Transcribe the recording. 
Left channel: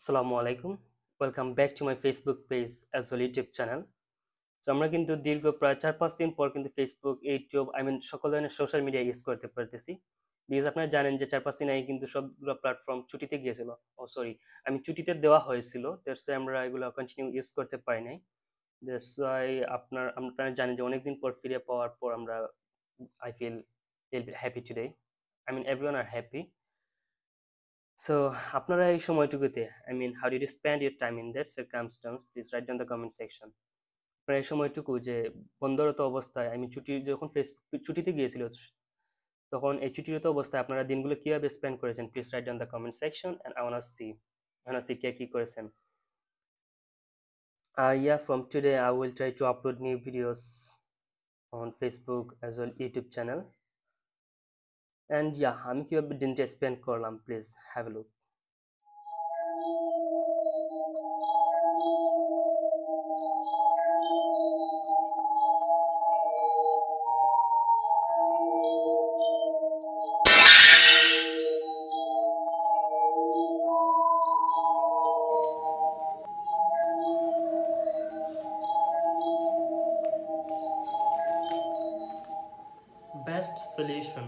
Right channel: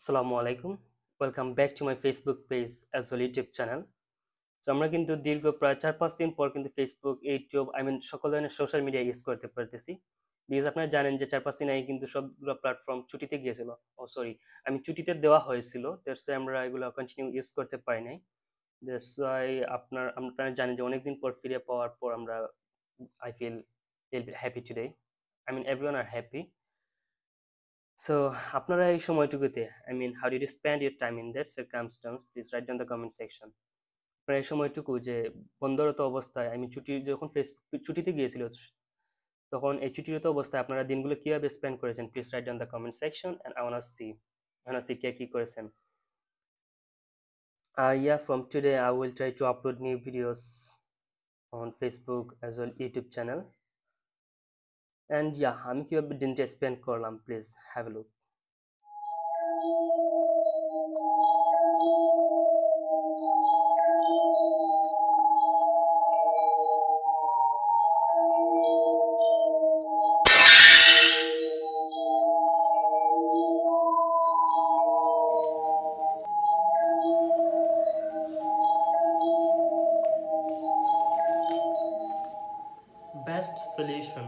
আসসালামু আলাইকুম। Welcome back to my Facebook page as well YouTube channel. So আমরা কিন্তু দীর্ঘ প্রায় ৪-৫ দিন পর কিন্তু ফেসবুক, ইউটিউব সকল ধরনের সোশ্যাল মিডিয়া ইউজ করতে পারতেছি। বিকজ আপনারা জানেন যে ৪-৫ দিন আগে কিন্তু সবগুলো প্ল্যাটফর্ম ছুটিতে গিয়েছিল। সরি, ছুটিতে দেওয়া হয়েছিল। দ্যাটস ওয়াই আমরা এগুলো কন্টিনিউ ইউজ করতে পারি নাই। দ্যাটস ওয়াই আপনারা জানেন যে অনেকদিন পর ফিরে পাওয়ার পর আমরা I feel happy today. Everyone are happy. So আপনারা এই সময়টুকুতে how did you spend your time in that circumstance? Please write down the comment section. আপনারা এই সময়টুকু যে বন্দরত অবস্থায় ছুটি যখন ফেসবুক ছুটিতে গিয়েছিল তখন এই ছুটিরত অবস্থায় আপনারা দিনগুলো কিভাবে স্পেন্ড করেছেন? Please write down the comment section and I wanna see কে কি করেছেন। Yeah, from today I will try to upload new videos on Facebook as well YouTube channel. And yeah, আমি কিভাবে দিনটা স্পেন্ড করলাম, please have a look. Best solution.